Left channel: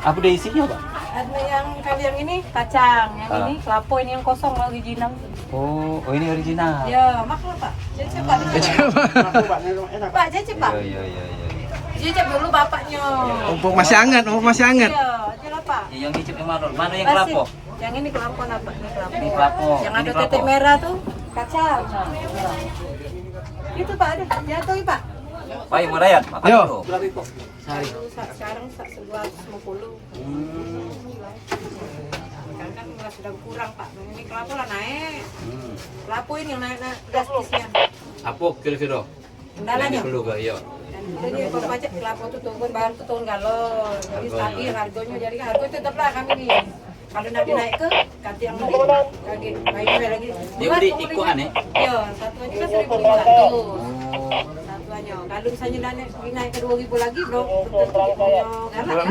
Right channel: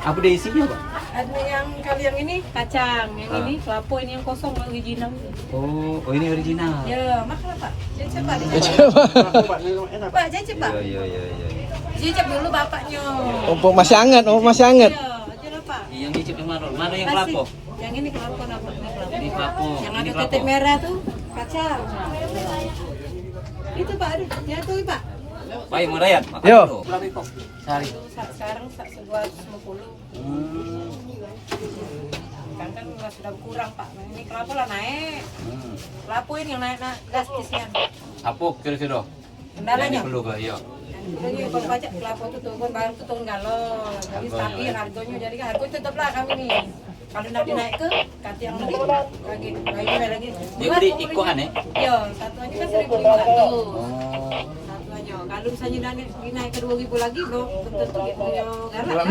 Apa dia isinya, Pak? Ada yang kali yang ini kacang, yang ini kelapa, ini yang kosong original. Oh, ini original. Ya, makan Pak. Cicip Pak. Pak, cicip Pak. Iya. Cicip dulu bapaknya. Mumpung masih hangat, masih hangat. Iya, aja lah Pak. Yang cicip yang mana? Mana yang Kasih. kelapa? Yang ini kelapa dapat ini kelapa. Ini kelapa. Yang Ini ada kelapa. titik merah tuh kacang. Itu Pak, ada. Jatuh Pak. Baik, merayat. Makan Yo. dulu. Sehari. Sekarang sebuah 50. Kan masih sudah kurang Pak. Ini kelapa lah naik. Kelapa ini yang naik drastisnya. Apa kira-kira? Kendalanya. Perlu ke iya. Jadi kalau pajak kelapa itu turun baru itu turun galon. Jadi stabil harganya. Jadi harga tetaplah kami nih. Kalau nanti naik ke ganti yang lebih lagi lagi. Dia beri ikuan ya? Iya, satu aja kan 1.500. Satu aja. Kalau misalnya naik ke 2.000 lagi, bro, tentu punya galak kan?